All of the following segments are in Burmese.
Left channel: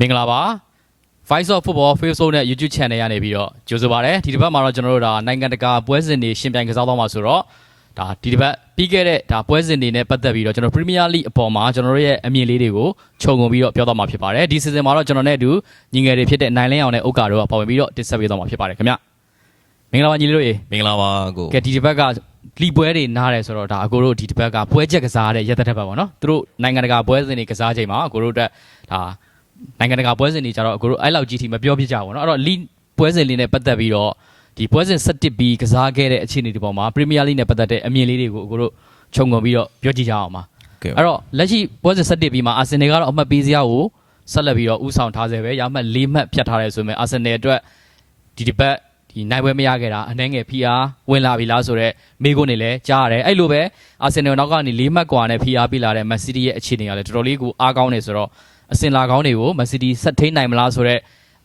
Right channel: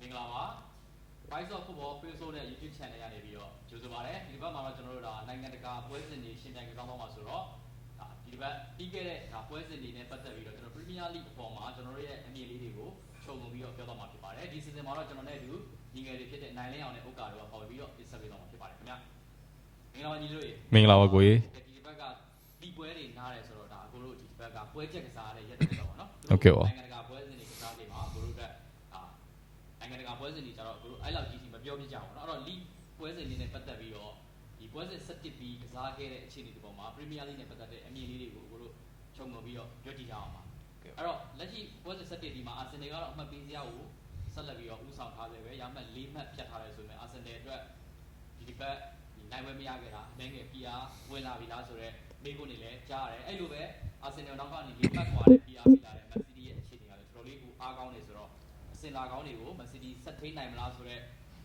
မင်္ဂလာပါ Voice of Football Facebook နဲ့ YouTube Channel ရနေပြီးတော့ကြိုဆိုပါရစေဒီတစ်ပတ်မှာတော့ကျွန်တော်တို့ဒါနိုင်ငံတကာပွဲစဉ်တွေရှင်ပြိုင်ကစားသွားမှာဆိုတော့ဒါဒီတစ်ပတ်ပြီးခဲ့တဲ့ဒါပွဲစဉ်တွေနဲ့ပတ်သက်ပြီးတော့ကျွန်တော် Premier League အပေါ်မှာကျွန်တော်တို့ရဲ့အမြင်လေးတွေကိုခြုံငုံပြီးတော့ပြောသွားမှာဖြစ်ပါတယ်ဒီ season မှာတော့ကျွန်တော်နဲ့အတူညီငယ်တွေဖြစ်တဲ့နိုင်လင်းအောင်နဲ့ဥက္ကာတို့ကပါဝင်ပြီးတော့တင်ဆက်ပေးသွားမှာဖြစ်ပါတယ်ခင်ဗျမင်္ဂလာပါညီလေးတို့ရေမင်္ဂလာပါကို ကဲဒီတစ်ပတ်ကလီပွဲတွေနားတယ်ဆိုတော့ဒါအကိုတို့ဒီတစ်ပတ်ကပွဲချက်ကစားတဲ့ရက်သက်တစ်ပတ်ပေါ့နော်သူတို့ဟုတ်ကဲ့ပါနိုင်ငံတကာပွဲစဉ်တွေကစားချိန်မှာအကိုတို့အတွက်ဒါ နိုင်ငံတကာပွဲစဉ်တွေကြတော့အကိုတို့အဲ့လောက်ကြီးထိမပြောပြကြဘူးเนาะအဲ့တော့လီပွဲစဉ်လေးနဲ့ပတ်သက်ပြီးတော့ဒီပွဲစဉ်17ပြီးကစားခဲ့တဲ့အခြေအနေဒီပေါ်မှာပရီးမီးယားလိနဲ့ပတ်သက်တဲ့အမြင်လေးတွေကိုအကိုတို့ခြုံငုံပြီးတော့ပြောကြည့်ကြအောင်ပါ ကဲ့ အဲ့တော့လက်ရှိပွဲစဉ်17ပြီးမှာအာဆင်နယ်ကတော့အမှတ်ပေးစရာကိုဆက်လက်ပြီးတော့ဥဆောင်ထားဆဲပဲရမှတ်၄မှတ်ဖြတ်ထားတယ်ဆိုပေမဲ့အာဆင်နယ်အတွက်ဒီတစ်ပတ်ဒီနိုင်ပွဲမရခဲ့တာအနှဲငယ် PR ဝင်လာပြီလားဆိုတော့မေးခွန်းတွေလည်းကြားရတယ်အဲ့လိုပဲအာဆင်နယ်နောက်ကနေ၄မှတ်ကွာနဲ့ PR ပေးလာတဲ့မန်စီးတီးရဲ့အခြေအနေကလည်းတော်တော်လေးကိုအားကောင်းနေဆိုတော့ အစင်လာကောင်းတွေကိုမန်စီးတီးဆက်ထိန်နိုင်မလားဆိုတော့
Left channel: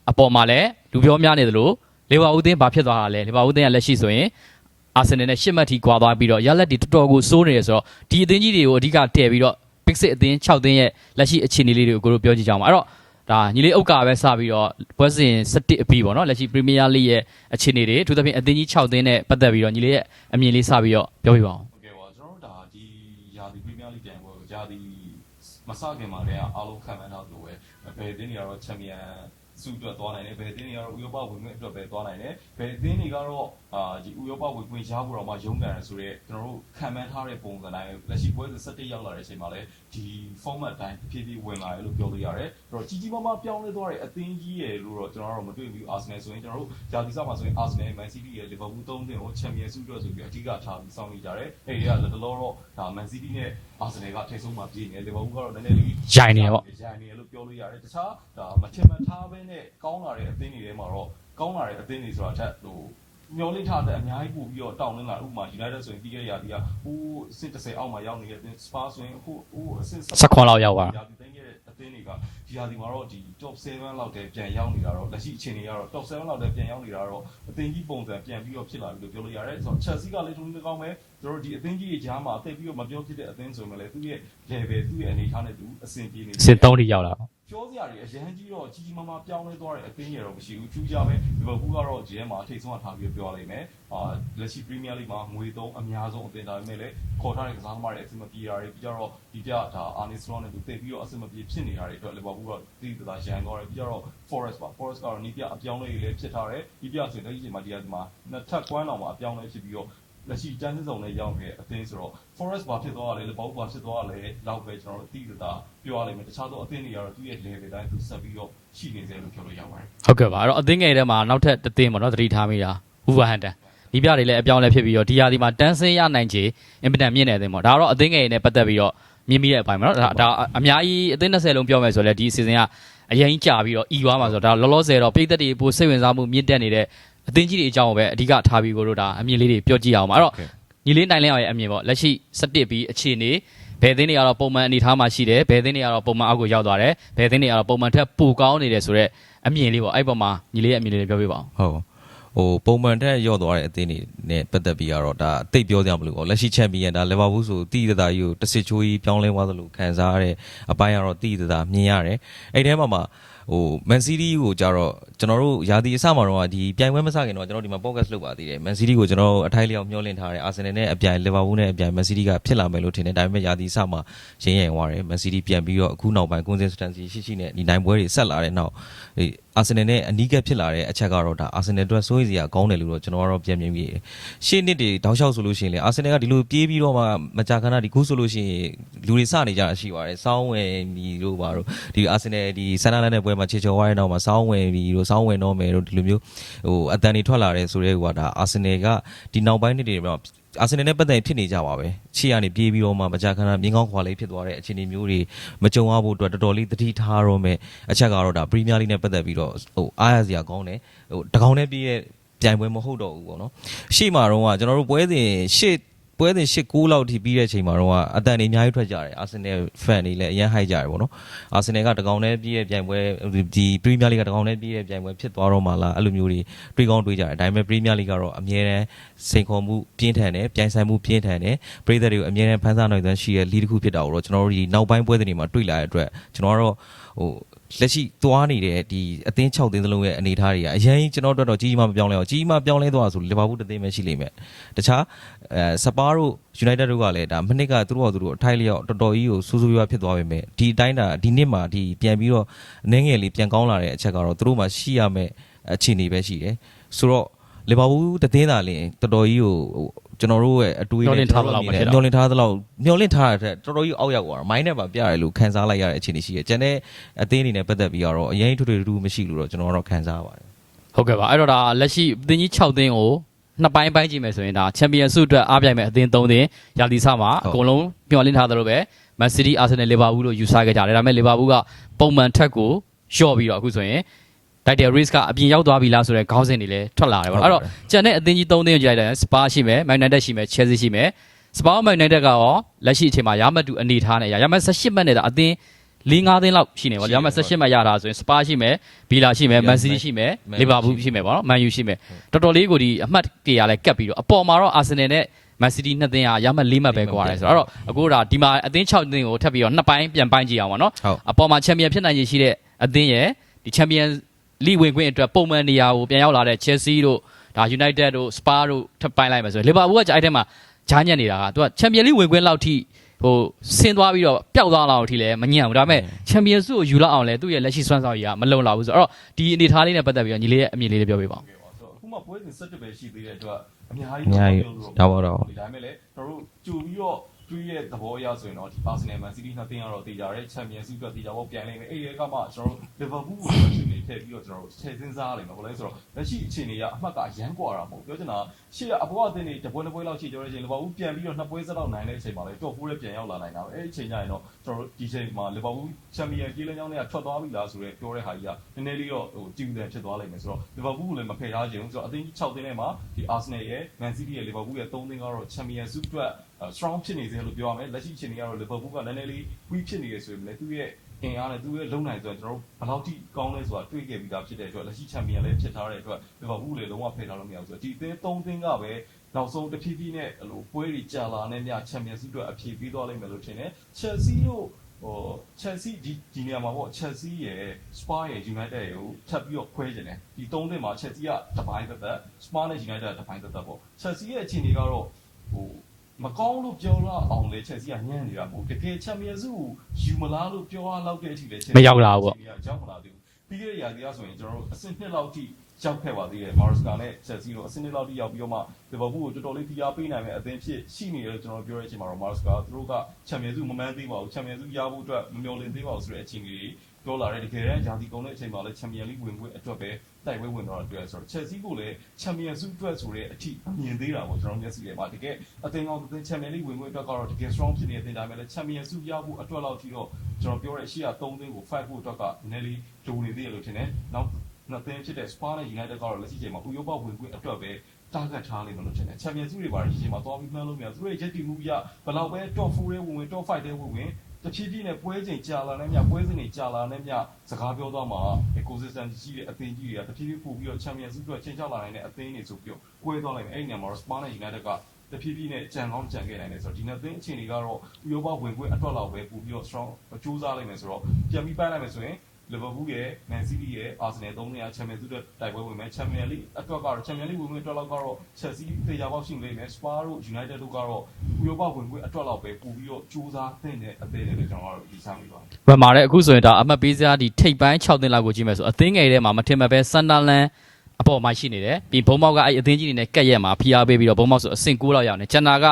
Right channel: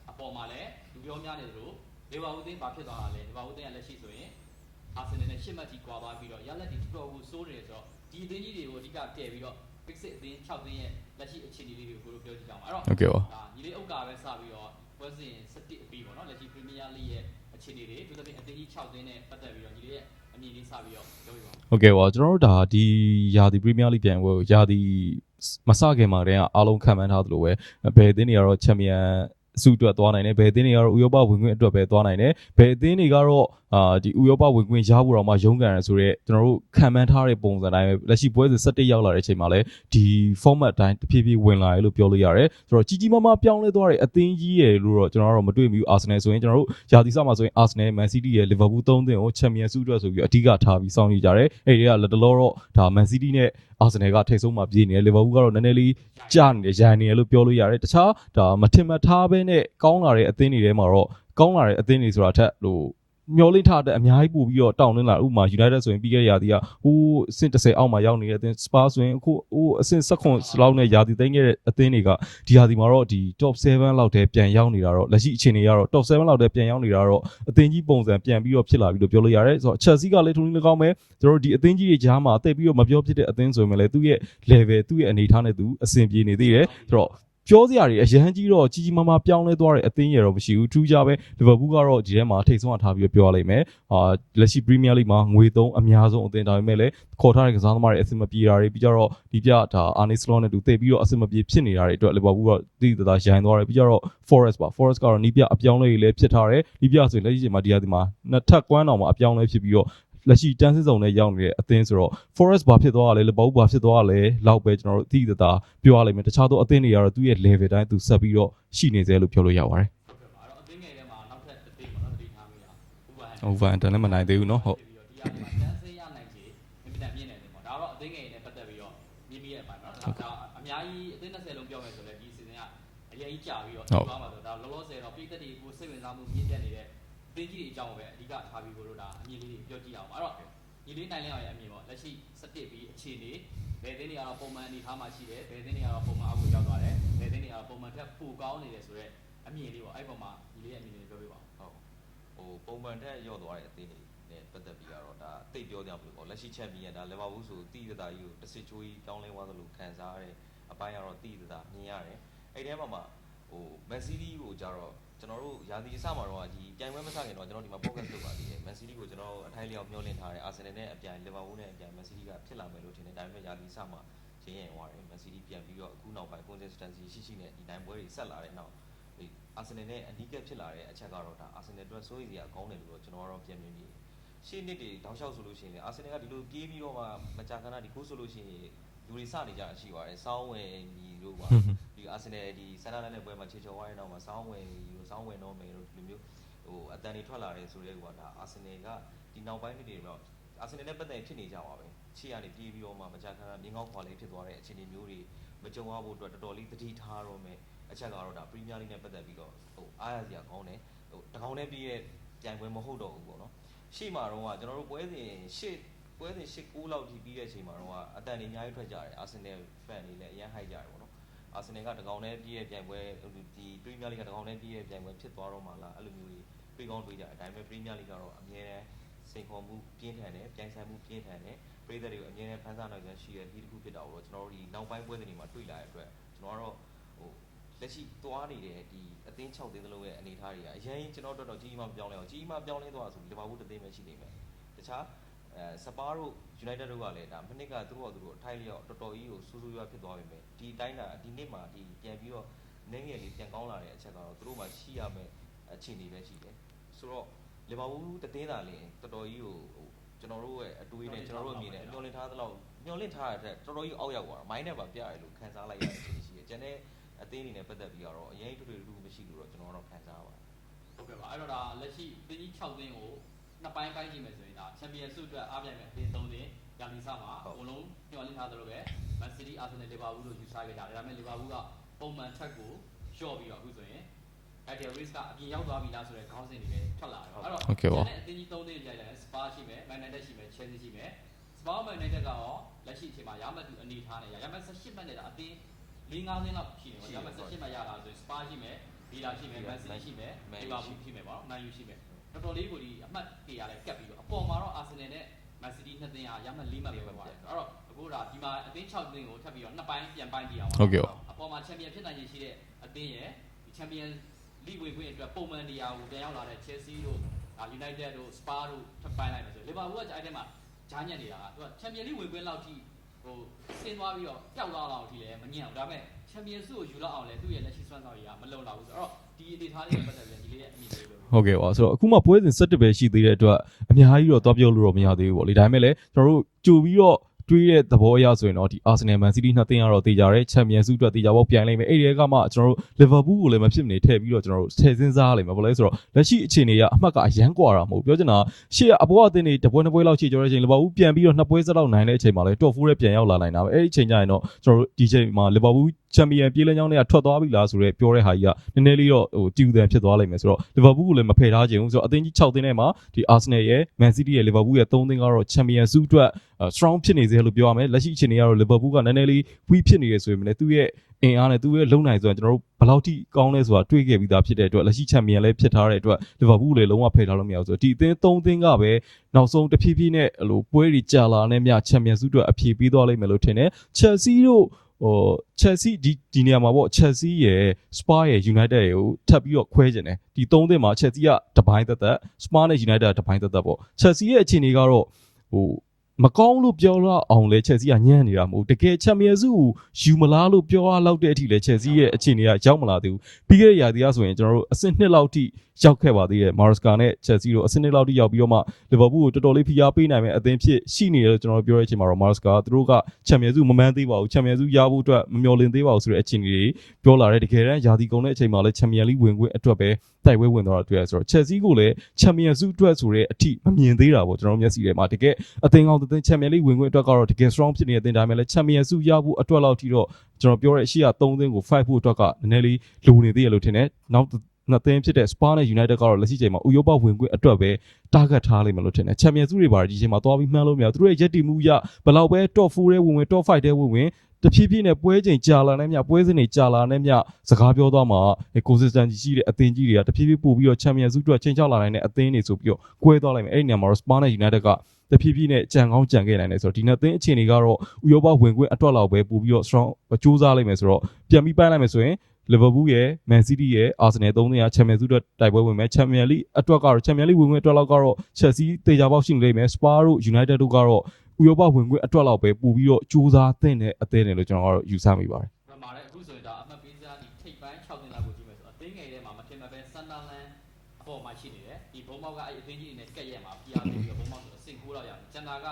အပေါ်မှာလည်းလူပြောများနေသလိုလေဝါဦးသင်းဘာဖြစ်သွားတာလဲလေဝါဦးသင်းကလက်ရှိဆိုရင်အာဆင်နယ်နဲ့ရှစ်မှတ်ထိကွာသွားပြီးတော့ရလက်တွေတော်တော်ကိုစိုးနေရဆိုတော့ဒီအသင်းကြီးတွေကိုအဓိကတည်ပြီးတော့ Big Six အသင်း6သင်းရဲ့လက်ရှိအခြေအနေလေးတွေကိုကိုတို့ပြောကြည့်ကြအောင်ပါအဲ့တော့ဟုတ်ကဲ့ပါဒါညီလေးဥက္ကာပဲစပြီးတော့ပွဲစဉ်17အပြီးပေါ့နော်လက်ရှိ Premier League ရဲ့အခြေအနေတွေအထူးသဖြင့်အသင်းကြီး6သင်းနဲ့ပတ်သက်ပြီးတော့ညီလေးရဲ့အမြင်လေးစပြီးတော့ပြောပြပါအောင်ဟုတ်ကဲ့ပါကျွန်တော်တို့ဒါဒီယာဒီပရီးမီးယားလိပြန်ပွဲကိုယာဒီ မစခင်မှာတည်းကအားလုံးခံမှန်းထားသလိုပဲဘယ်အသင်းတွေကတော့ချန်ပီယံစုအတွက်သွားနိုင်တယ်ဘယ်အသင်းတွေကတော့ဥရောပဝင်ခွင့်အတွက်ပဲသွားနိုင်တယ်ဘယ်အသင်းတွေကတော့အာဒီဥရောပဝင်ခွင့်ရဖို့တော့မှရုန်းကန်ရဆိုတော့ကျွန်တော်တို့ခံမှန်းထားတဲ့ပုံစံတိုင်းပဲလက်ရှိပွဲစဉ်17ရောက်လာတဲ့အချိန်မှာလည်းဒီ format အတိုင်းတဖြည်းဖြည်းဝင်လာတယ်လို့ပြောလို့ရတယ်ဆိုတော့ကြီးကြီးမားမားပြောင်းလဲသွားတဲ့အသင်းကြီးရယ်လို့တော့ကျွန်တော်တို့မတွေ့ဘူးအာဆင်နယ်ဆိုရင်ကျွန်တော်တို့ယာဒီစမှာဆိုရင်အာဆင်နယ်မန်စီးတီးရယ်လီဗာပူးသုံးသင်းကိုချန်ပီယံစုအတွက်ဆိုပြီးအဓိကထားပြီးစောင့်နေကြတယ်အဲ့ဒီကလက်တလောတော့ဒါမန်စီးတီးနဲ့ အာဆင်နယ်ကထိတ်ဆုံးမှာပြေးနေတယ်လီဗာပူးကတော့နည်းနည်းလေးရိုင်နေကြာပေါ့နေတယ်ရိုင်နေတယ်လို့ပြောလို့ရတယ်တခြားဒါမထင်မှတ်ထားဘဲနဲ့ကောင်းလာတဲ့အသင်းတွေထဲမှာတော့ကောင်းလာတဲ့အသင်းတွေဆိုတာအထက်ဟိုမျောလိထားတဲ့အများကြီးပို့ပြီးတော့တောင်းနှင်းလာဥပမာ United ဆိုရင်ပြီးခဲ့တဲ့ရာသီကဟိုအဆင့်30အောက်မှာရောက်နေတဲ့အသင်း Spurs ဆိုရင်အခုဟိုအဆင့်19လောက်ရောက်ပါနဲ့ရာသီသိမ်းခဲ့တဲ့အသင်းတွေကဒီရာသီမှာတော့ဒီ top 7လောက်တည်းပြန်ရောက်နေတာတော့လက်ရှိအခြေအနေကတော့ top 7လောက်တည်းပြန်ရောက်နေတာတော့အသင်းကြီးပုံစံပြန်ပြီးတော့ဖြစ်လာပြီလို့ပြောလို့ရတယ်ဆိုတော့ Chelsea ကလည်းထုံးနေကောင်းပဲကျွန်တော် တို့ဒီအသင်းကြီးတွေကြားမှာအသက်ပြီးတော့မပြောဖြစ်တဲ့အသင်းဆိုရင်လည်းသူ့ရဲ့ level သူ့ရဲ့အနေအထားနဲ့သူအဆင်ပြေနေသေးစစ်တယ်သုံးထိရောက်လာပြောစရာတွေအရန်ကြီးတော့ကြီးကြီးမားမားပြောင်းလဲသွားတဲ့အသင်းရတော့မရှိဘူးထူးခြားပဲလီဗာပူးကတော့ဒီထဲမှာထိတ်ဆုံးထားပြီးတော့ပြောရလိမ့်မယ်အာလက်ရှိပရီးမီးယားလိမှာငွေသုံးအများဆုံးအသင်းဒါပေမဲ့လည်းခေါ်ထားတဲ့ကစားသမားတွေအဆင်မပြေတာတွေပြီးကြတော့ဒီပြဒါအာနီစလောနဲ့တူတိတ်ပြီးတော့အဆင်မပြေဖြစ်နေတာတွေအတွက်လီဗာပူးကတိတိတသားရိုင်းသွားတယ်ပြီးကြတော့ Forest ပါ Forest ကတော့နီးပြအပြောင်းလဲတွေလည်းဖြစ်ထားတယ်နီးပြဆိုရင်လက်ရှိချိန်မှာဒီဟာဒီမှာနှစ်ထပ်ကွမ်းတော်မှာအပြောင်းလဲဖြစ်ပြီးတော့ လက်ရှိတန်းစစ်စုံနဲ့ရောက်နေတဲ့အသင်းဆိုတော့ Forest ဘာဖြစ်သွားတာလဲလီဗာပူးဘာဖြစ်သွားတာလဲလောက်ပဲကျွန်တော်တို့တိတိတသားပြောရလိမ့်မယ်တခြားသောအသင်းတွေကတော့သူ့ရဲ့ level တိုင်းသူဆက်ပြီးတော့ရှိနေသေးလို့ပြောလို့ရပါတယ်ဟုတ်ကဲ့ပါအဲ့တော့အသင်းငယ်ထဲမှာနောက်ထပ်တစ်သင်းပေါ့နော်သတိထားမိတာ Wolverhampton Wolverhampton ဒီပြတွေလည်းအပြောင်းလဲဖြစ်ပြီးတော့ဒီဟာဒီမှာတန်းစင်းရနိုင်ချေအင်ပတန်မြင့်နေတဲ့အသင်းပေါ့ဒါကတော့အသင်းငယ်နဲ့ပတ်သက်ပြီးတော့မြင်မိတဲ့အပိုင်းပေါ့နော်ဒါဒါအများကြီးအသင်း20လုံးပြောမယ်ဆိုလဲဒီ season ကအရင်ကြာပြီးတော့ဤသွားမှာဆိုတော့ဒါလောလောဆယ်တော့ပြည်သက်တွေပိုစိတ်ဝင်စားမှုမြင့်တက်နေတဲ့ အသင်းကြီးတွေအကြောင်းကိုပဲအဓိကထားပြီးကိုတို့ဒါအမြင်လေးတွေပြောကြည့်အောင်ပါအဲ့တော့ညီလေးနိုင်လင်းအောင်ရဲ့အမြင်ပေါ့လက်ရှိ17ပြီးအခြေအနေဘယ်သင်းတွေကတော့ပုံမှန်အနေထားမှာရှိတယ်ဘယ်သင်းတွေကတော့ပုံမှန်အောက်ကိုရောက်သွားတယ်ဘယ်သင်းတွေကတော့ပုံမှန်ထက်ပိုကောင်းနေတယ်ဆိုတော့အမြင်လေးပေါ့အဲ့ပေါ်မှာညီလေးရဲ့အမြင်လေးတွေပြောပြပါအောင်ဟုတ်ဟိုပုံမှန်ထက်ရော့သွားတဲ့အသင်းတွေနဲ့ပတ်သက်ပြီးတော့ဒါအသိပ်ပြောကြမလို့ပေါ့လက်ရှိချန်ပီယံဒါလီဗာပူးဆိုတီးတသားကြီးကိုတစ်စစ်ချိုးကြီးပြောင်းလဲသွားသလိုခံစားရတဲ့အပိုင်းကတော့တီးတသားမြင်ရတယ်အဲ့ထဲမှာမှ ဟိုမန်စီးတီးကိုကြတော့ကျွန်တော်တို့ယာဒီအစမှာတော့ဒီပြိုင်ပွဲမစခင်တော့ကျွန်တော်ဒီမှာ podcast လုပ်ပါသေးတယ်မန်စီးတီးကိုကျွန်တော်အထိုက်လျောက်မျှော်လင့်ထားတယ်အာဆင်နယ်နဲ့အပြိုင်လီဗာပူးနဲ့အပြိုင်မန်စီးတီးကဖြစ်လာမယ်လို့ထင်တယ်ဒါပေမဲ့ယာဒီအစမှာရင်းရင်သွားတယ်မန်စီးတီးပြန်ပြီးတော့အခုနောက်ပိုင်း consistency ရှိရှိနဲ့ဒီနိုင်ပွဲတွေဆက်လာတဲ့နောက်ဒီအာဆင်နယ်နဲ့အနီးကပ်ဖြစ်လာတဲ့အချက်ကတော့ဒါအာဆင်နယ်အတွက်စိုးရိမ်စရာကောင်းတယ်လို့တော့ကျွန်တော်ကတော့ပြန်မြင်ပြီးရှေ့နှစ်တွေတောက်လျှောက်ဆိုလို့ရှိရင်လေအာဆင်နယ်ကဒီလိုပြေးပြီးတော့မှမကြာခဏဒီခုဆိုလို့ရှိရင် လူတွေစနေကြတာရှိပါတယ်စောင်းဝင်ဒီလိုပါတော့ဒီအာဆင်နယ်ဒီဆန်နာလန်တဲ့ပွဲမှာချေချော်သွားတဲ့နောက်မှာစောင်းဝင်ပြီးတော့စောင်းဝင်တော့မယ်တို့ဒီလိုမျိုးဟိုအတန်တွေထွက်လာတယ်ဆိုတဲ့ဟိုကဒါအာဆင်နယ်ကဒီနောက်ပိုင်းနှစ်တွေမှာအာဆင်နယ်နဲ့ပတ်သက်ဖြစ်နေကြပါပဲချီကနေပြေးပြီးတော့မှမကြာခဏမြင်းကောင်းခွာလေးဖြစ်သွားတဲ့အခြေအနေမျိုးတွေမကြုံရဖို့အတွက်တော်တော်လေးသတိထားတော့မယ်အချက်ကတော့ဒါပရီးမီးယားလိနဲ့ပတ်သက်ပြီးတော့ဟိုအားရစရာကောင်းတယ်ဟိုတကောင်နဲ့ပြေးရဲ့ပြိုင်ပွဲမဟုတ်တော့ဘူးပေါ့နော်ရှေ့မှာတော့ကကျွန်တော်တို့ပွဲစဉ်ရှေ့ ပွဲစဉ်၈9လောက်ထိပြီးတဲ့အချိန်မှာတော့အတန်တွေအများကြီးထွက်ကြတယ်အာဆင်နယ်ဖန်တွေလည်းအရင်ဟိုက်ကြတယ်ပေါ့နော်အာဆင်နယ်ကတကောင်နဲ့ပြေးရဲ့ပြိုင်ပွဲဒီပရီးမီးယားလိကတကောင်နဲ့ပြေးရဲ့ပြိုင်ပွဲဖြစ်သွားတော့မှလားအဲ့လိုမျိုးတွေတွေးကောင်းတွေးကြတယ်ဒါပေမဲ့ပရီးမီးယားလိကတော့အမြဲတမ်းစိန်ခေါ်မှုပြင်းထန်တယ်ပြိုင်ဆိုင်မှုပြင်းထန်တယ်ပရိသတ်တွေကိုအမြဲတမ်းဖန်ဆားနိုင်တဲ့ရှိရဲ့လီတစ်ခုဖြစ်တာကိုတော့ကျွန်တော်တို့ဒီနောက်ပိုင်းပွဲစဉ်တွေမှာတွေ့လာတဲ့အတွက်ကျွန်တော်ကတော့ဟို လက်ရှိသွားနေတဲ့ဒီအသင်း6သင်းသလုံးရဲ့အနေအထားတွေကအရင်ကျွန်တော်တို့တော့ကြီးကြီးမားမပြောင်းလဲအောင်ကြီးကြီးမားပြောင်းလဲသွားဆိုလီဗာပူးတစ်သင်းပဲရှိလိမ့်မယ်တခြားအဲစပါးတို့ United တို့ကလည်းဒါမနစ်ကသူတို့ကသူတို့အထိုက်လျောက်တော်တော်ကြီးကိုစူးစူးရွားဖြစ်သွားပြီမဲ့ဒီအတိုင်းဒါဒီနှစ်မှာဒီပြန်ပြီးတော့အနေငယ်လေးပြန်ကောင်းလာတဲ့အချက်ကတော့သူတို့မှာရှိရမယ့်အခြေအနေပဲရှိတယ်ဆိုတော့လီဗာပူးတစ်သင်းသာလင်းတော်တော်ကြီးကိုဟို ကျွန်တော်တို့ရဲ့အတွေးမျှော်လင့်ထားသလောက်မဖြစ်တော့မျောလင့်ထားသလောက်မျောလင့်ထားတဲ့အတွက်တော်တော်ကြီးအောက်ရောက်သွားတာမိုင်းနဲ့ပါပြရတယ်လို့ခံစားလိုက်ရတဲ့အခြေအနေရှိတယ်ကျန်တဲ့အသင်းအနေနဲ့ပတ်သက်ပြီးတော့အရင်ထွေထွေတူတူမရှိလို့တော့ကျွန်တော်ကတော့ခံစားရပါတယ်ဟုတ်ကဲ့ပါအဲ့တော့ဒါလက်ရှိအသင်းကြီး6သင်းကိုနှစ်ပိုင်းပိုင်းကြည့်မယ်ဆိုရင်ဒါချန်ပီယံဆုအတွက်အားပြိုင်မဲ့အသင်း3သင်းရာသီစမှာအကုန်လုံးမျှော်လင့်ထားသလိုပဲမန်စီးတီးအာဆင်နယ်လီဗာပူးတို့ယူဆခဲ့ကြတယ်ဒါပေမဲ့လီဗာပူးကပုံမှန်ထက်ကိုလျှော့ပြီးတော့အခုဆိုရင် တိုက်တယ် risk ကအပြင်ရောက်သွားပြီလားဆိုတဲ့ခေါင်းစဉ်တွေလည်းထွက်လာတယ်ပေါ့နော်အဲ့တော့ကျန်တဲ့အသင်းကြီး၃သင်းကိုကြည့်လိုက်တယ်စပါရှိမယ်မန်ယူနိုက်တက်ရှိမယ်ချယ်ဆီရှိမယ်စပါမန်ယူနိုက်တက်ကရောလက်ရှိအချိန်မှာရမတ်တူအနေထားနဲ့ရရမတ်18မှတ်နဲ့ဒါအသင်း၄၅သင်းလောက်ရှိနေပါရှိရနေမတ်ပါ18မှတ်ရတာဆိုရင်စပါရှိမယ်ဘီလာရှိမယ်မန်စီးတီးရှိမယ် Man U လီဗာပူးရှိမယ်ပေါ့နော်မန်ယူရှိမယ်တော်တော်လေးကိုဒီအမှတ်တရလဲကပ်ပြီးတော့အပေါ်မှာတော့အာဆင်နယ်နဲ့မန်စီးတီးနှစ်သင်းကရမတ်၄မှတ်ပဲကွာတယ်ဆိုတော့အဲ့တော့အခုဒါဒီမှာအသင်း6သင်းကိုထပ်ပြီးတော့နှစ်ပိုင်းပြန်ပိုင်းကြည့်အောင်ပါနော်ဟုတ်အပေါ်မှာချန်ပီယံဖြစ်နိုင်ခြေရှိတဲ့အသင်းရဲ့ဒီချန်ပီယံ လိဝင်ခွင့်အတွက်ပုံမှန်နေရာကိုပြန်ရောက်လာတဲ့ Chelsea တို့ဒါ United တို့ Spa တို့ထပ်ပိုင်းလိုက်မယ်ဆိုရင် Liverpool ကကြာအဲ့ထဲမှာဂျားညက်နေတာကသူကချန်ပီယံလိဝင်ခွင့်လောက်ထိဟိုဆင်းသွားပြီးတော့ပျောက်သွားလောက်ထိလည်းမညံ့ဘူးဒါပေမဲ့ချန်ပီယံဆုကိုယူလောက်အောင်လဲသူ့ရဲ့လက်ရှိစွမ်းဆောင်ရည်ကမလုံလောက်ဘူးဆိုတော့ဒီအနေထားလေးနဲ့ပတ်သက်ပြီးတော့ညီလေးရဲ့အမြင်လေးလေးပြောပေးပါဟုတ်ကဲ့ပါဆိုတော့အခုမှပွဲစဉ်17ပဲရှိသေးတဲ့အတွက်အများကြီးတော့တော့ပြောလို့တော့မရသေးဘူးပေါ့လေဒါပေမဲ့လည်းကျွန်တော်တို့ကြိုပြီးတော့ တွေးတဲ့သဘောအရဆိုရင်တော့ဒီ Arsenal Man City နှစ်သင်းကတော့တေချာတယ် Champions League အတွက်တေချာပေါ့ပြိုင်လိုက်မယ်အဲ့ဒီကမှကျွန်တော်တို့ Liverpool ကိုလည်းမဖြစ်မနေထည့်ပြီးတော့ကျွန်တော်တို့ထည့်စဉ်းစားရလိမ့်မယ်ဘာလို့လဲဆိုတော့လက်ရှိအခြေအနေကအမှတ်ကအရန်ကွာတာမဟုတ်ပြောချင်တာရှေ့ကအပေါ်အသင်းတွေတပွဲနှစ်ပွဲလောက်ရှိကြတဲ့အချိန် Liverpool ပြန်ပြီးတော့နှစ်ပွဲစလောက်နိုင်တဲ့အချိန်မှာလည်း top 4ရဲ့ပြန်ရောက်လာနိုင်တာပဲအဲ့ဒီအချိန်ကျရင်တော့ကျွန်တော်တို့ဒီချိန်မှာ Liverpool ချန်ပီယံပြေးလမ်းကြောင်းတွေကထွက်သွားပြီလားဆိုတော့ပြောတဲ့ဟာကြီးကနည်းနည်းလေးတော့ဟိုတီူတန်ဖြစ်သွားလိမ့်မယ်ဆိုတော့ Liverpool ကိုလည်းမဖယ်ထားချင်ဘူးဆိုတော့အသင်းကြီး6သင်းထဲမှာဒီ Arsenal ရဲ့ Man City ရဲ့ Liverpool ရဲ့3သင်းကတော့ Champions League အတွက် strong ဖြစ်နေစေလို့ပြောရမယ်လက်ရှိအခြေအနေကတော့ Liverpool ကနည်းနည်းလေး weak ဖြစ်နေရဆိုရင်လည်းသူ့ရဲ့အင်အားနဲ့သူ့ရဲ့လုံနိုင်ဆိုရင်ကျွန်တော်တို့ဘယ်လောက်ထိကောင်းလဲဆိုတာတွေးခဲ့ပြီးသားဖြစ်တဲ့အတွက်လက်ရှိချန်ပီယံလည်းဖြစ်ထားတဲ့အတွက် Liverpool လည်းလုံးဝဖယ်ထားလို့မရဘူးဆိုတော့ဒီအသင်း၃သင်းကပဲနောက်ဆုံးတဖြည်းဖြည်းနဲ့ဟိုပွဲတွေကြာလာနဲ့မြချန်ပီယံစုအတွက်အပြေပေးသွားလိမ့်မယ်လို့ထင်တယ် Chelsea တို့ ဟို Chelsea ဒီဒီနေရာမှာပေါ့ Chelsea ရယ် Spa ရယ် United ရယ်ကိုထပ်ပြီးတော့ခွဲကျင်တယ်ဒီ၃သင်းမှာ Chelsea ကတပိုင်းသက်သက် Spa နဲ့ United ကတပိုင်းသက်သက်ပေါ့ Chelsea ရဲ့အခြေအနေကတော့ဟိုမကောင်းလို့ပြောရအောင်လဲ Chelsea ကညံ့နေတာမဟုတ်တကယ် Champions ကိုယူမလားလို့ပြောရလောက်တဲ့အထိလဲ Chelsea မရောက်လာရဲ့ဘူးအခြေအနေကရောက်မလာသေးဘူးပြီးခဲ့တဲ့ရာသီကဆိုရင်ကျွန်တော်တို့အဆင့်နှစ်လောက်ထိ ရောက်ခဲ့ပါသေးတယ် Maresca နဲ့ Chelsea တို့အဆင့်နှစ်လောက်ထိရောက်ပြီးတော့မှ Liverpool ကိုတော်တော်လေးဖိအားပေးနိုင်မဲ့အသင်းဖြစ်ရှိနေတယ်လို့ကျွန်တော်တို့ပြောတဲ့အချိန်မှာတော့ Maresca ကသူတို့က Champions မမှန်းသေးပါဘူး Champions ရဖို့အတွက်မမျှော်လင့်သေးပါဘူးဆိုတဲ့အခြေအနေတွေပြောလာတယ်တကယ်တမ်းရာသီကုန်တဲ့အချိန်မှာလည်း Champions League ဝင်ခွင့်အတွက်ပဲတိုက်ပွဲဝင်သွားတာတွေ့ရဆိုတော့ Chelsea ကိုလည်း Champions League အတွက်ဆိုတဲ့အထိမမြင်သေးတာပေါ့ကျွန်တော်တို့မျက်စိထဲမှာတကယ်အသင်းကောင်းတဲ့ Champions League ဝင်ခွင့်အတွက်ကတော့တကယ် strong ဖြစ်နေတဲ့အသင်းဒါပေမဲ့လည်း Champions League ရဖို့အတွက်လောက်ထိတော့ကျွန်တော်ပြောတဲ့အရှိရ3သင်းကို5ဖို့အတွက်ကနည်းနည်းလေးလိုနေသေးရလို့ထင်တယ်နောက် နှစ်သင်းဖြစ်တဲ့ Spa နဲ့ United ကတော့လက်ရှိချိန်မှာဥရောပဝင်ခွင့်အတွက်ပဲ target ထားလိမ့်မယ်လို့ထင်တယ် Champions League တွေပါဒီချိန်မှာသွားပြီးမှန်းလို့မရဘူးသူတို့ရဲ့ရက်တီမှုရဘယ်လောက်ပဲ top 4ထဲဝင်ဝင် top 5ထဲဝင်ဝင်တဖြည်းဖြည်းနဲ့ပွဲချိန်ကြာလာနေမြပွဲစဉ်တွေကြာလာနေမြစကားပြောသွားမှာ consistency ရှိတဲ့အသင်းကြီးတွေကတဖြည်းဖြည်းပို့ပြီးတော့ Champions League အတွက်ချိန်ချောက်လာနိုင်တဲ့အသင်းတွေဆိုပြီးတော့ကွဲသွားလိုက်မယ်အဲ့ဒီနေရာမှာတော့ Spa နဲ့ United ကတဖြည်းဖြည်းနဲ့ကြံကောင်းကြံခဲ့နိုင်တယ်ဆိုတော့ဒီနှစ်သင်းအခြေအနေကတော့ဥရောပဝင်ခွင့်အတွက်လောက်ပဲပို့ပြီးတော့ strong စူးစမ်းလိုက်မယ်ဆိုတော့ပြန်ပြီးပိုင်းလိုက်မယ်ဆိုရင် Liverpool ရဲ့ Man City ရဲ့ Arsenal သုံးသင်းက Champions League အတွက်တိုက်ပွဲဝင်မယ် Champions League အတွက်ကတော့ Champions League ဝင်ခွင့်အတွက်လောက်ကတော့ Chelsea တေချာပေါက်ရှိနေလိမ့်မယ် Spurs တို့ United တို့ကတော့ဥရောပဝင်ခွင့်အတွက်လောက်ပဲပို့ပြီးတော့စူးစမ်းသင့်တဲ့အသင်းတွေလို့ကျွန်တော်ကတော့ယူဆမိပါတယ်ဗမာတဲ့အခုဆိုရင်ဒါအမှတ်ပေးစရာဒီထိပ်ပိုင်း6သင်းလောက်ကိုကြည့်မယ်ဆိုအသင်းငယ်ထဲမှာမထင်မှတ်ပဲဆန်ဒါလန်အပေါ်မှာရှိနေတယ်ပြီးဘုံမောက်ကအဲ့အသင်းကြီးတွေနဲ့ကက်ရက်မှာဖိအားပေးပြီးတော့ဘုံမောက်ဆိုအဆင့်9လောက်ရောက်နေကျန်တာက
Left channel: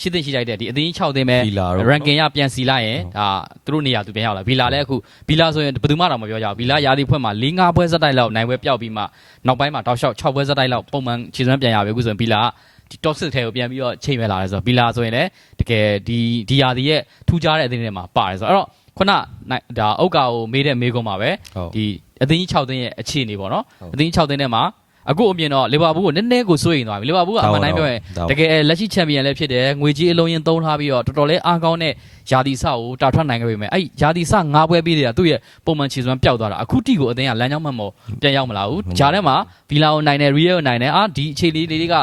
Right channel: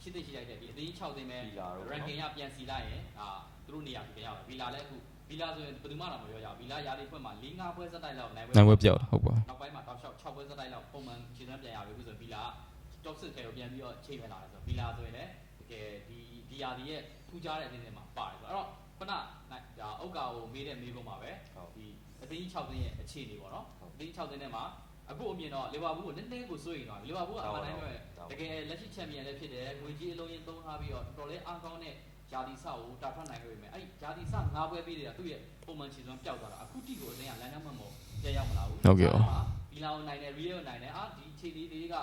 ရှိသိရှိလိုက်တဲ့ဒီအသင်း6သင်းပဲ Villa တို့ ranking ရပြန်စီလိုက်ရင်ဒါသူတို့နေရာသူပြန်ရောက်လာဗီလာလည်းအခုဗီလာဆိုရင်ဘယ်သူမှတော့မပြောကြဘူးဗီလာရာသီဖွဲ့မှာ၄၅ပွဲစက်တိုက်လောက်နိုင်ပွဲပြောက်ပြီးမှနောက်ပိုင်းမှာတောက်လျှောက်6ပွဲစက်တိုက်လောက်ပုံမှန်ခြေစွမ်းပြန်ရပြီအခုဆိုရင်ဗီလာကဒီ top 6ထဲကိုပြန်ပြီးတော့ချိန်မဲ့လာတယ်ဆိုတော့ဗီလာဆိုရင်လည်းတကယ်ဒီဒီရာသီရဲ့ထူးခြားတဲ့အသင်းတွေမှာပါတယ်ဆိုတော့အဲ့တော့ခုနနိုင်ဒါအုတ်ကာကိုမေးတဲ့မေးခွန်းပါပဲဟုတ်ဒီအသင်းကြီး6သင်းရဲ့အခြေအနေပေါ့နော်ဟုတ်အသင်းကြီး6သင်းထဲမှာ အခုအမြင်တော့လီဗာပူးကိုနည်းနည်းကိုစိုးရိမ်သွားပြီလီဗာပူးကအမှန်တိုင်းပြောရင်ဒါတကယ်လက်ရှိချန်ပီယံလည်းဖြစ်တယ်ငွေကြီးအလုံးရင်သုံးထားပြီးတော့တော်တော်လေးအားကောင်းတဲ့ယာတီဆကိုတာထွက်နိုင်ခဲ့ပေမဲ့အဲ့ယာတီဆ၅ပွဲပြီးနေတာသူ့ရဲ့ပုံမှန်ခြေစွမ်းပျောက်သွားတာအခုတိကိုအသင်းကလမ်းကြောင်းမှမော်ပြန်ရောက်မလာဘူးဂျာထဲမှာဗီလာကိုနိုင်တယ်ရီယယ်ကိုနိုင်တယ်အာဒီအခြေလေးလေးတွေက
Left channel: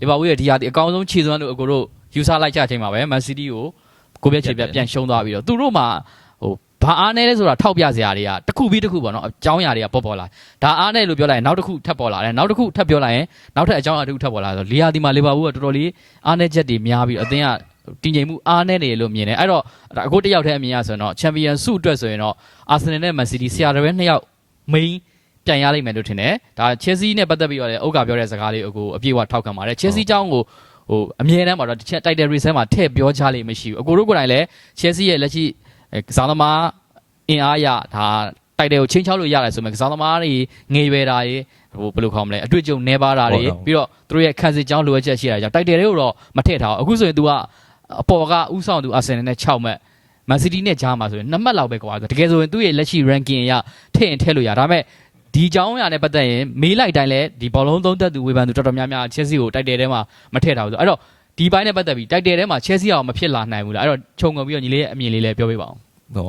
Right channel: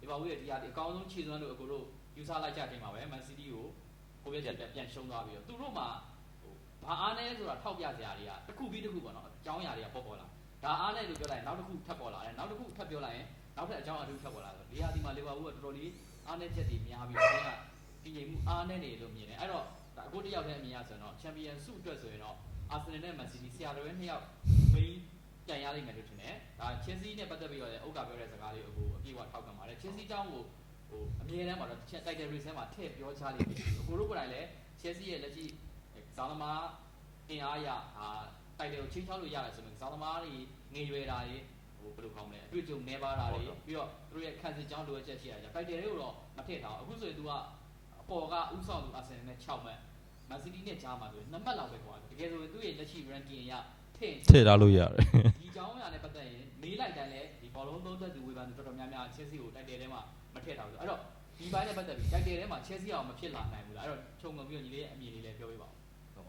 လီဗာပူးရဲ့ဒီယာတီအကောင်းဆုံးခြေစွမ်းလို့အကိုတို့ယူဆလိုက်ကြချိန်မှာပဲမန်စီးတီးကိုကိုပြက်ခြေပြက်ပြန်ရှုံးသွားပြီးတော့သူတို့မှာဟို ဘာအားနဲ့လဲဆိုတာထောက်ပြစရာတွေကတစ်ခုပြီးတစ်ခုပေါ့နော်အကြောင်းအရာတွေကပေါ်ပေါ်လာဒါအားနဲ့လို့ပြောလိုက်ရင်နောက်တစ်ခုထပ်ပေါ်လာတယ်နောက်တစ်ခုထပ်ပြောလိုက်ရင်နောက်ထပ်အကြောင်းအရာတစ်ခုထပ်ပေါ်လာဆိုလီယာဒီမှာလီဗာပူးကတော်တော်လေးအားနဲ့ချက်တွေများပြီးအသင်းကတည်ငြိမ်မှုအားနဲ့နေလို့မြင်တယ်အဲ့တော့အခုတယောက်တည်းအမြင်ရဆိုရင်တော့ချန်ပီယံဆုအတွက်ဆိုရင်တော့အာဆင်နယ်နဲ့မန်စီးတီးဆရာတော်ပဲနှစ်ယောက် main ပြန်ရလိမ့်မယ်လို့ထင်တယ်ဒါချက်စီနဲ့ပတ်သက်ပြီးတော့လည်းအုတ်ကပြောတဲ့စကားလေးကိုအပြည့်အဝထောက်ခံပါတယ်ချက်စီအကြောင်းကိုဟိုအမြဲတမ်းပါတော့တစ်ချက် title race မှာထည့်ပြောချလိမ့်မရှိဘူးအကိုတို့ကိုယ်တိုင်လည်း Chelsea ရဲ့လက်ရှိ ကစားသမားအင်အားရဒါတိုက်တယ်ကိုချင်းချောက်လို့ရတယ်ဆိုမှကစားသမားတွေငေရွယ်တာတွေဟိုဘယ်လိုခေါ်မလဲအတွေ့အကြုံနှဲပါတာတွေပြီးတော့သူတို့ရဲ့ခန်းစစ်ကြောင်းလိုအပ်ချက်ရှိတာကြောင့်တိုက်တယ်တွေကိုတော့မထည့်ထားဘူးအခုဆိုရင် तू ကအပေါ်ကဥဆောင်သူအာဆင်နယ်နဲ့6မှတ်မန်စီးတီးနဲ့ကြားမှာဆိုရင်2မှတ်လောက်ပဲကွာတကယ်ဆိုရင်သူ့ရဲ့လက်ရှိ ranking အရထည့်ရင်ထည့်လို့ရဒါပေမဲ့ဒီအကြောင်းအရာနဲ့ပတ်သက်ရင်မေးလိုက်တိုင်းလဲဒီဘောလုံးသုံးသက်သူဝေဖန်သူတော်တော်များများချက်စီကိုတိုက်တယ်ထဲမှာမထည့်ထားဘူးဆိုအဲ့တော့ ဒီဘိုင်းနဲ့ပတ်သက်ပြီးတိုက်တယ်ထဲမှာချက်စီအောင်မဖြစ်လာနိုင်ဘူးလားအဲ့တော့ခြုံငုံပြီးတော့ညီလေးရဲ့အမြင်လေးလည်းပြောပြပါအောင်ဟို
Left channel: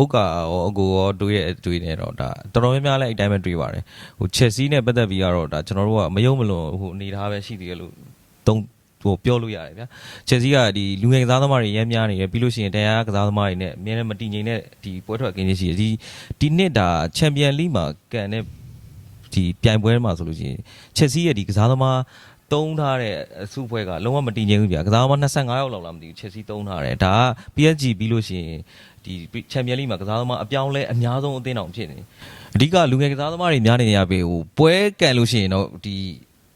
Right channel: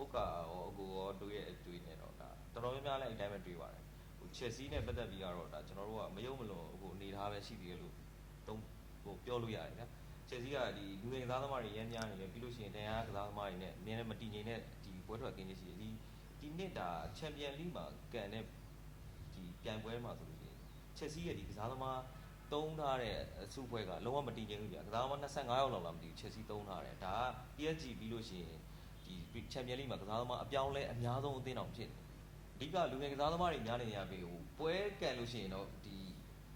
ဥက္ကာရောအကိုရောတွေးရဲ့အတွေ့နဲ့တော့ဒါတော်တော်များများလည်းအဲ့တိုင်းပဲတွေးပါတယ်ဟိုချက်စီနဲ့ပတ်သက်ပြီးတော့ဒါကျွန်တော်တို့ကမယုံမလွန်ဟိုအနေထားပဲရှိသေးတယ်လို့သုံးဟိုပြောလို့ရတယ်ဗျာချက်စီကဒီလူငယ်ကစားသမားတွေရမ်းများနေတယ်ပြီးလို့ရှိရင်တရားကစားသမားတွေနဲ့အများနဲ့မတည်ငြိမ်တဲ့ဒီပွဲထွက်ကင်းကြီးရှိတယ်ဒီဒီနှစ်ဒါချန်ပီယံလိမှာကန်တဲ့ဒီပြိုင်ပွဲမှာဆိုလို့ရှိရင်ချက်စီရဲ့ဒီကစားသမား တုံးထားတဲ့အစုဖွဲ့ကလုံးဝမတည်ငြိမ်ဘူးဗျာကစားသမား25ယောက်လောက်လားမသိဘူးချက်စီတုံးထားတယ်ဒါက PSG ပြီးလို့ရှိရင်ဒီချန်ပီယံလိမှာကစားသမားအပြောင်းလဲအများဆုံးအသင်းတော်ဖြစ်နေတယ်အဓိကလူငယ်ကစားသမားတွေများနေရပြီဟိုပွဲကန်လို့ရှိရင်တော့ဒီ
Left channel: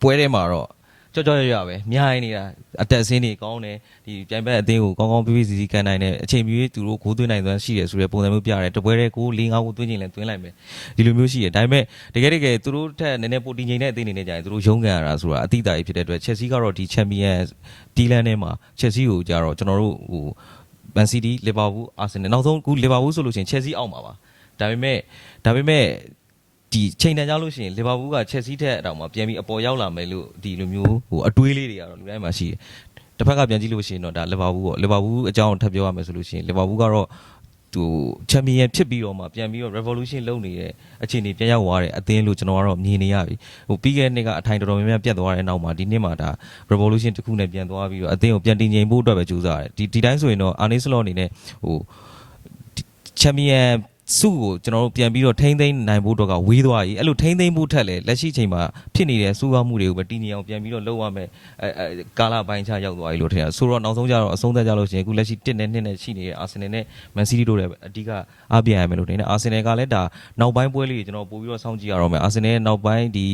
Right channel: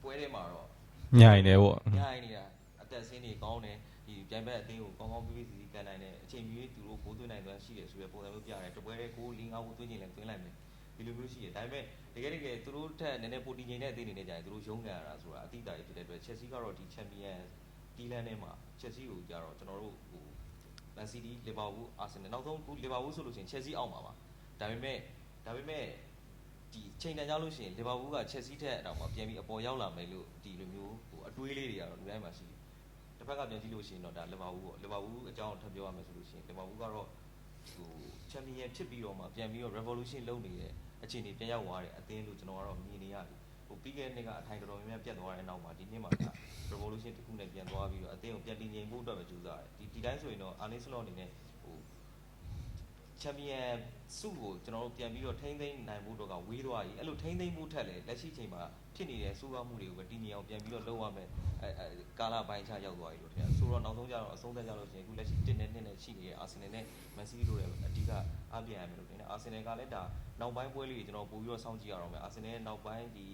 ပွဲထဲမှာတော့တော်တော်ရရပဲများနေနေတာအတက်အစင်းတွေကောင်းတယ် ဒီပြိုင်ဘက်အသင်းကိုကောင်းကောင်းပြပြစီစီကန်နိုင်တယ်အချိန်မျိုးသူတို့ဂိုးသွင်းနိုင်သွမ်းရှိတယ်ဆိုတဲ့ပုံစံမျိုးပြတယ်တပွဲတည်းကို၄၅ကိုသွင်းချင်လဲသွင်းလိုက်မယ်ဒီလိုမျိုးရှိတယ်ဒါပေမဲ့တကယ်တကယ်သူတို့ထက်နည်းနည်းပိုတင်ငိမ့်တဲ့အသင်းတွေနဲ့ကြာရင်သူတို့ရုန်းကန်ရတာဆိုတာအတိအတာကြီးဖြစ်တဲ့အတွက်ချက်စီကတော့ဒီချန်ပီယံတီလန်ထဲမှာချက်စီကိုကြတော့ကျွန်တော်တို့ဟိုမန်စီးတီးလီဗာပူးအာဆင်နယ်နောက်ဆုံးအခုလီဗာပူးဆိုလို့ရှိရင်ချက်စီအောက်မှာပါဒါပေမဲ့ဒါပေမဲ့ဒီချိန်တန်ကြလို့ရှိရင်လီဗာပူးကချက်စီထက်အတောင်မှပြန်ပြီးအပေါ်ရောက်လာမယ်လို့ဒီလိုမျိုးဟိုအတွေးလေးတွေကတော့လူတိုင်းမှာရှိတယ် တစ်ဖက်ကပြန်ကြည့်လို့ရှိရင်တော့ဒါလီဗာပူးပေါ့လီဗာပူးအကြောင်းထပ်ပြောရမယ်ဆိုလို့ရှိရင်လီဗာပူးကတော့သူချန်ပီယံဖြစ်ပြီးတော့မှပြန်ပြီးတော့ revolution လုပ်နေတဲ့အခြေအနေပြန်ရောက်သွားတယ်အသင်းလို့ကျွန်တော်ကတော့မြင်နေရပြီဟိုပြီးခဲ့တဲ့နှစ်ကအထိုင်တော်တော်များများပြတ်သွားတဲ့နောက်မှာဒီနှစ်မှာဒါ revolution တစ်ခုနဲ့ပြန်သွားပြီးတော့အသင်းကိုပြန်တင်ငိမ်ဖို့အတွက်ပဲကြိုးစားတယ်ဒီဒီတိုင်းဆိုရင်တော့ Arne Slot အနေနဲ့ဟိုချန်ပီယံ စုကိုကျွန်တော်တို့ပြန်ပြီးတော့ထိမ့်သိမ်းနိုင်ဖို့အတွက်ကဝေးသွားပြီအဲ့လိုထိမ့်သိမ်းဖို့ထက်လေလက်ရှိချိန်မှာဖြစ်နေတဲ့စူးကားမှုတွေကိုပဲတည်ငြိမ်အောင်ပြန်ပြီးတော့လုပ်ရမယ်အဲအဲကာလာပိုင်းခြားရောက်သွားပြီလို့ထင်တာဆိုတော့နောက်ဆုံးကျတော့အဆုံးသက်ကြလို့ရှိရင်အခုလက်ရှိ1နဲ့2နဲ့ရှိနေတဲ့အာဆင်နယ်နဲ့မန်စီးတီးတို့လည်းအဓိကအားပြရမယ်လို့ထင်တယ်အာဆင်နယ်ကလည်းဒါနောက်ပိုင်းပွဲလေးကျွန်တော်ပို့ပြီးတော့စောင့်ကြည့်ရတော့မယ်အာဆင်နယ်ရဲ့နောက်ပိုင်းဒီ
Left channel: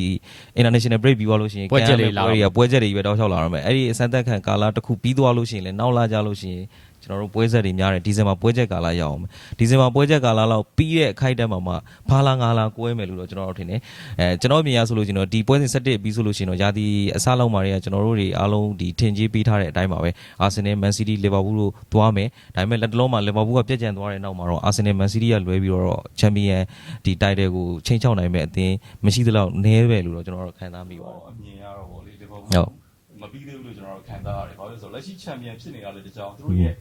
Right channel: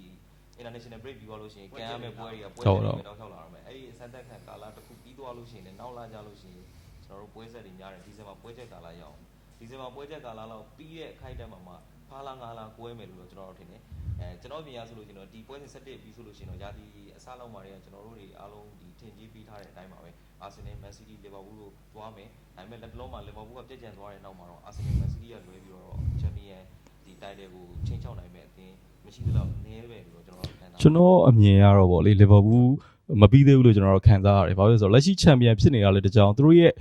international break ပြီးသွားလို့ရှိရင်ပွဲချက်တွေလာတော့ကပွဲချက်တွေပဲတောက်လျှောက်လာတော့မယ်အဲ့ဒီအစမ်းသက်ခံကာလာတစ်ခုပြီးသွားလို့ရှိရင်လည်းနောက်လာကြလို့ရှိရင် ကျွန်တော်တို့ပွဲဆက်တွေများတယ်ဒီဇင်ဘာပွဲချက်ကာလာရောက်အောင်ဒီဇင်ဘာပွဲချက်ကာလာလောက်ပြီးတဲ့အခိုက်အတန့်မှာမှဖာလာငါလာကွဲမယ်လို့တော့ကျွန်တော်တို့ထင်တယ်အဲကျွန်တော်မြင်ရဆိုလို့ကျွန်တော်ဒီပွဲစဉ်7ပြီးဆိုလို့ရှိရင်တော့ယာတီအစလောက်မှာတွေကကျွန်တော်တို့တွေအားလုံးဒီထင်ကြီးပေးထားတဲ့အတိုင်းပါပဲအာဆင်နယ်မန်စီးတီးလီဗာပူးတို့သွားမယ်ဒါပေမဲ့လက်တလုံးမှာလီဗာပူးကပြက်ကျန်သွားတဲ့နောက်မှာတော့အာဆင်နယ်မန်စီးတီးကလွဲပြီးတော့ချန်ပီယံဒီတိုက်တယ်ကိုချိန်ချောက်နိုင်မဲ့အသင်းမရှိသလောက်နည်းပဲလို့တော့ကျွန်တော်တို့ခံစားကျွန်တော်အမြင်ရတော့ဗောလေလီဗာပူးဟုတ်မပြီးသေးဘူးလို့ကျွန်တော်တို့ခံစားရတယ်။ဘာလို့လဲဆိုတော့လက်ရှိချန်ပီယံဖြစ်နေတာလေတကြောင်သူတို့ရဲ့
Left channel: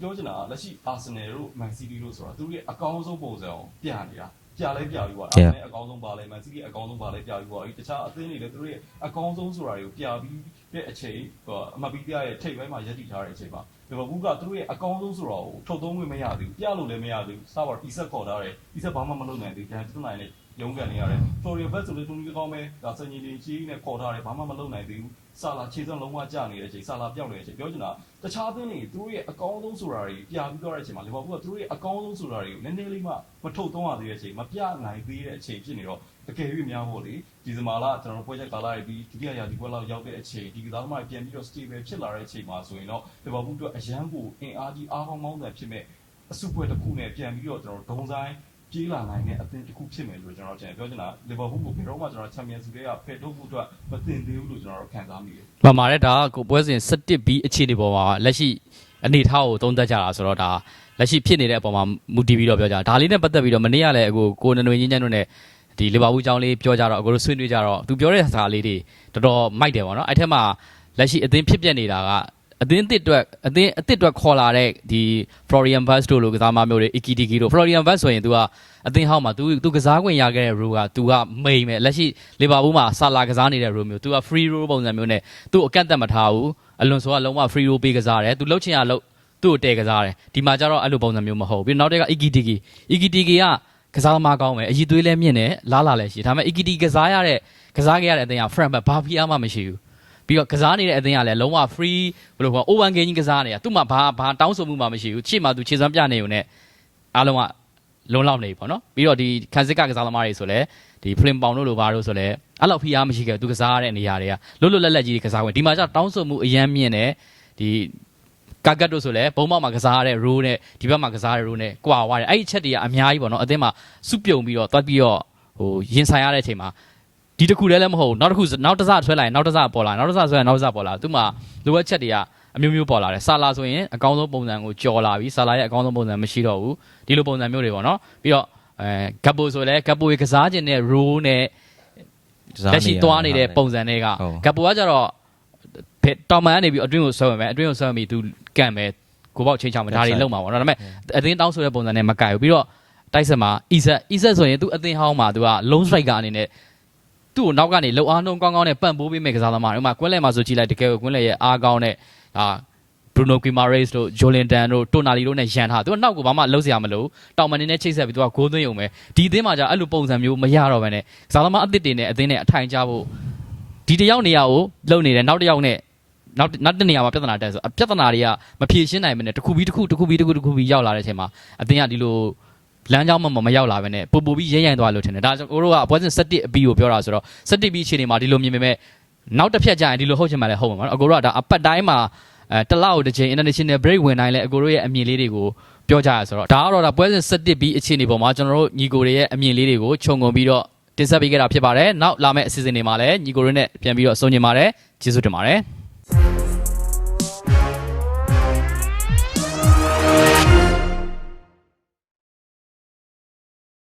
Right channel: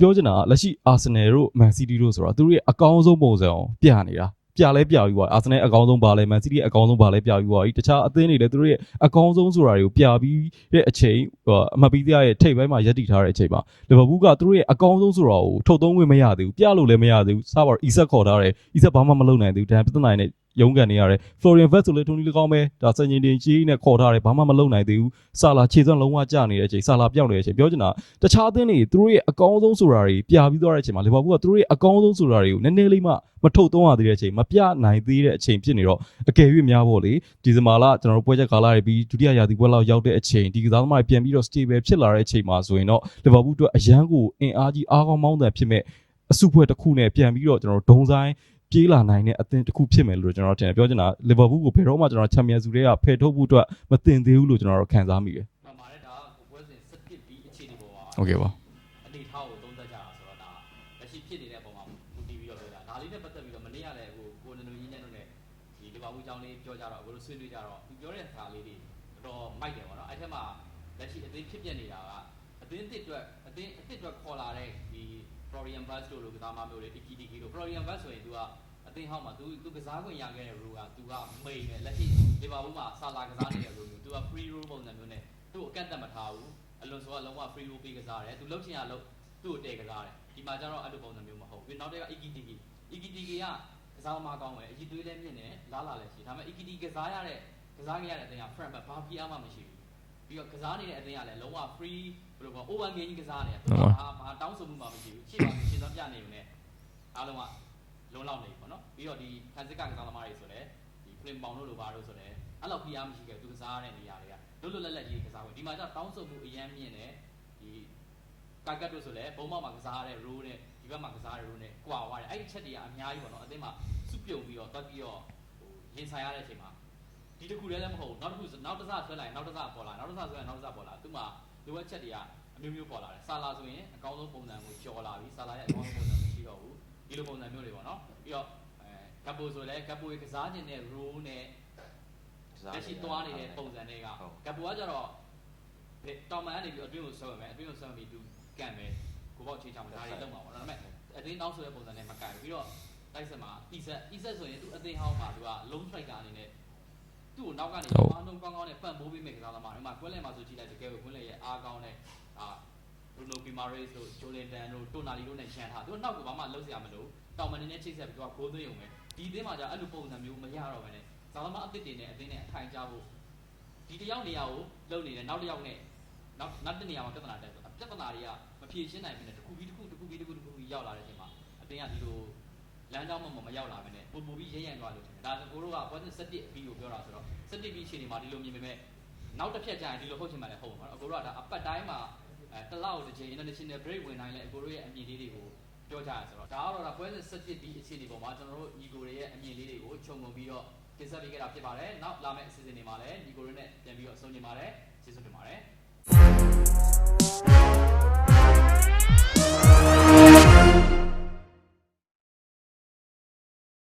ပြောချင်တာကလက်ရှိအာဆင်နယ်တို့မန်စီးတီးတို့ဆိုတာသူတို့ရဲ့အကောင်းဆုံးပုံစံအောင်ပြနေတာ။ပြလဲပြပြီးပါအာဆင်နယ်အကောင်းဆုံးပါလဲမန်စီးတီးအကောင်းဆုံးပါလဲပြပြီးပါဒီတခြားအသင်းတွေလည်းသူတို့ရဲ့အကောင်းဆုံးဆိုတာတွေကိုပြပြီးတဲ့အချိန်ဟိုအမပီးပြရဲ့ထိပ်ပိုင်းမှာရပ်တည်ထားတဲ့အချိန်မှာလီဗာပူးကသူတို့ရဲ့အကောင်းဆုံးဆိုတာကိုထုတ်သုံးခွင့်မရသေးဘူးပြလို့လည်းမရသေးဘူးစပါတော့အီဆက်ခေါ်ထားတယ်အီဆက်ဘာမှမလုပ်နိုင်သေးဘူးဒန်ပြဿနာနဲ့ ရုန်းကန်နေရတယ် Florian Vest ဆိုလေထုံးလေးလည်းကောင်းပဲဒါစင်ကြီးတင်ကြီးနဲ့ခေါ်ထားတယ်ဘာမှမလုပ်နိုင်သေးဘူးဆာလာခြေစွမ်းလုံးဝကျနေတဲ့အချိန်ဆာလာပြောင်းနေတဲ့အချိန်ပြောချင်တာတခြားအသင်းတွေသူတို့ရဲ့အကောင်းဆုံးဆိုတာတွေပြပြီးသွားတဲ့အချိန်မှာလီဗာပူးကသူတို့ရဲ့အကောင်းဆုံးဆိုတာတွေကိုနည်းနည်းလေးမှမထုတ်သုံးရသေးတဲ့အချိန်မပြနိုင်သေးတဲ့အချိန်ဖြစ်နေတော့အကယ်၍များပေါ့လေဒီဇင်ဘာလကျွန်တော်တို့ပွဲချက်ကာလာတွေပြီးဒုတိယရာသီပွဲလောက်ရောက်တဲ့အချိန်ဒီကစားသမားတွေပြန်ပြီးတော့ stable ဖြစ်လာတဲ့အချိန်မှာဆိုရင်တော့လီဗာပူးအတွက်အရန်ကိုအင်အားကြီးအားကောင်းမောင်းတဲ့ဖြစ်မဲ့အစုဖွဲ့တစ်ခုနဲ့ပြန်ပြီးတော့ကျွန်တော်တို့ဒုံဆိုင် ပြေးလာနိုင်တဲ့အသင်းတစ်ခုဖြစ်မယ်လို့ကျွန်တော်ထင်တယ်ပြောချင်တာလီဗာပူးကိုဘယ်တော့မှကျွန်တော်ချန်ပီယံစုတွေကဖယ်ထုတ်ဖို့အတွက်မတင်သေးဘူးလို့ကျွန်တော်တို့ခံစားမိတယ်။မှန်ပါတယ်ဒါကကိုပွဲစဉ်17 B အခြေအနေပေါ်မှာလက်ရှိအနေထားကိုသုံးသပ်ကြတာဆိုတော့ဒါလက်ရှိဖြစ်နေတဲ့အပေါ်မှာမူတည်ပြီးတော့ပြောကြတာဒါလေးနဲ့ပတ်သက်ပြီးတော့မနေ့ကလည်းအခုကိုနနွေချင်းချမ်းတို့နဲ့ဒီလီဗာပူးအကြောင်းလေးပြောကြတော့အခုတို့ဆွေးနွေးကြတော့သူပြောတဲ့စကားလေးတွေတော်တော်မိုက်တယ်ပေါ့နော်အဲ့ထက်မှာလက်ရှိအသင်းဖြစ်ပျက်နေတာက အသင်းတစ်အတွက်အသင်းအသစ်အတွက်ခေါ်လာတဲ့ဒီ Florian Vaz တို့လိုကစားမမျိုးတွေ Ikitiki တို့ Florian Vaz ဆိုရင် तू ကအသင်းဟောင်းမှာ तू तू ကစားခွင့်ရခဲ့တဲ့ role က तू ကမိန်ပဲလက်ရှိလီဗာပူးမှာဆာလာကစားနေတဲ့ role မျိုး तू က free role ပုံစံမျိုးနဲ့သူ့အကန့်အသတ်မထားဘူးအလွန်ဆိုကလုံးဝ free role ပေးကစားတယ် तू လှုပ်ချင်ရလှုပ် သူ့ကိုတဲကစားတယ်ဒီမှာကျတော့အဲ့လိုပုံစံမျိုးမဟုတ်ဘူးပြီးတော့နောက်တစ်ခါ Ikitiki Ikitiki ကကစားသမားကောင်းမယ်အည်သွေးလည်းမြင့်တယ်လားလာလည်းရှိတယ်ဒါပေမဲ့ Ikitiki ကစားရတဲ့ကစားခဲ့ရတဲ့အသင်းက front back ဘာဖီအားမှမရှိဘူး ပြီးတော့ကစားနေတဲ့အသင်းကလည်းလုံးဝ free ဘယ်လိုခေါ် open game ကြီးကစားနေတာသူ့မှာဘာဘာတောင်းဆိုမှုမှမရှိဘူးချစ်မှသူခြေစွမ်းပြနေုံနဲ့အားလုံးကလုံးလောက်နေပြီပေါ့နော်ပြီးတော့ဒီခန်းစစ်ကကစားသမားတွေဆိုလည်းဒီ flame ပေါင်တို့လိုဘာတို့ဆိုလည်းအဲ့လောက်ဖီအားမရှိခဲ့ဘူးသူကစားရတဲ့နေရာတွေကလွတ်လွတ်လပ်လပ်ကြီးကစားဝင်ဒီမှာကျတောင်းဆိုမှုအရန်မြင့်တယ်ဒီကာကတ်တို့ဆိုလည်းဘုံမောက်မှာကစားရတဲ့ row နဲ့ဒီဘက်မှာကစားရတဲ့ row နဲ့ကွာသွားတယ်အဲ့ဒီအချက်တွေကအများကြီးပေါ့နော်အသင်းမှာစုပြုံပြီးတော့တွတ်ပြီးတော့ဟိုရင်ဆိုင်ရတဲ့အချိန်မှာ ဒီတစ်ခုတည်းလည်းမဟုတ်ဘူးနောက်တစ်ခုနောက်တစ်စဆွဲလိုက်ရင်နောက်တစ်စပေါ်လာနောက်တစ်စဆွဲရင်နောက်တစ်စပေါ်လာသူ့မှာလိုအပ်ချက်တွေကအမျိုးမျိုးပေါ်လာတယ်ဆာလာဆိုရင်အကောင်းဆုံးပုံစံကိုကြော်လာပြီဆာလာရဲ့အကောင်းဆုံးပုံစံမရှိတော့ဘူးဒီလိုပုံစံမျိုးတွေပေါ့နော်ပြီးတော့အဲဂပ်ပိုဆိုလည်းဂပ်ပိုကစားခြင်းတဲ့ row နဲ့လက်ရှိသွားနေတဲ့ပုံစံတွေကဟုတ်ဂပ်ပိုကကြတော့ဘယ်တောင်မန်ကနေပြီးအတွင်းကိုဆွဲဝင်မယ်အတွင်းကိုဆွဲဝင်ပြီးသူကန်မယ်ကိုပေါက်ချင်းချောင်းမယ်ဒါတွေလုံးမှာပေါ့နော်ဒါပေမဲ့အသင်းတောင်းဆိုတဲ့ပုံစံနဲ့မကတ်ဘူးပြီးတော့တိုက်ဆက်မှာအီဆက်အီဆက်ဆိုရင်သူအသင်းဟောင်းမှာသူက long striker အနေနဲ့ သူ့ကိုနောက်ကနေလုံအားနှုံးကောင်းကောင်းနဲ့ပန့်ပိုးပေးမယ်ကစားသမားတွေဥပမာကွင်းလဲမှာဆိုကြည့်လိုက်တကယ်ကိုကွင်းလဲရဲ့အားကောင်းတဲ့အာ Bruno Guimaraes တို့ Jolinton တို့ Tonali တို့နဲ့ရန်ထားသူကနောက်ကိုဘာမှလုံးစရာမလိုတောင်မန်နေနဲ့ချိတ်ဆက်ပြီးသူကဂိုးသွင်းရုံပဲဒီအသင်းမှာじゃအဲ့လိုပုံစံမျိုးမရတော့ဘဲနဲ့ကစားသမားအသစ်တွေနဲ့အသင်းနဲ့အထိုင်ကြဖို့ဒီတစ်ယောက်နေရာကိုလုံနေတယ်နောက်တစ်ယောက်နဲ့နောက်နောက်တစ်နေရာမှာပြဿနာတက်ဆိုအပြဿနာတွေကမဖြေရှင်းနိုင်မနဲ့တစ်ခုပြီးတစ်ခုတစ်ခုပြီးတစ်ခုတစ်ခုပြီးရောက်လာတဲ့အချိန်မှာအသင်းကဒီလို လမ်းကြောင်းမှမရောက်လာဘဲနဲ့ပူပူပြီးရဲရဲသွားလို့ထင်တယ်ဒါကြောင့်ကိုတို့ကအပွဲစဉ်7အပြီးကိုပြောတာဆိုတော့7ပြီးအခြေအနေမှာဒီလိုမြင်ပေမဲ့နောက်တစ်ဖြတ်ကျရင်ဒီလိုဟုတ်ချင်မှလည်းဟုတ်မှာပေါ့နော်အကိုတို့ကဒါအပတ်တိုင်းမှာအဲတစ်လောက်တစ်ချိန် international break ဝင်တိုင်းလဲအကိုတို့ရဲ့အမြင်လေးတွေကိုပြောကြရဆိုတော့ဒါကတော့ဒါပွဲစဉ်7ပြီးအခြေအနေပေါ်မှာကျွန်တော်တို့ညီကိုတွေရဲ့အမြင်လေးတွေကိုခြုံငုံပြီးတော့တင်ဆက်ပေးခဲ့တာဖြစ်ပါတယ်နောက်လာမယ့်အစီအစဉ်တွေမှာလည်းညီကိုတွေနဲ့ပြန်ပြီးတော့ဆုံညင်ပါတယ်ကျေးဇူးတင်ပါတယ်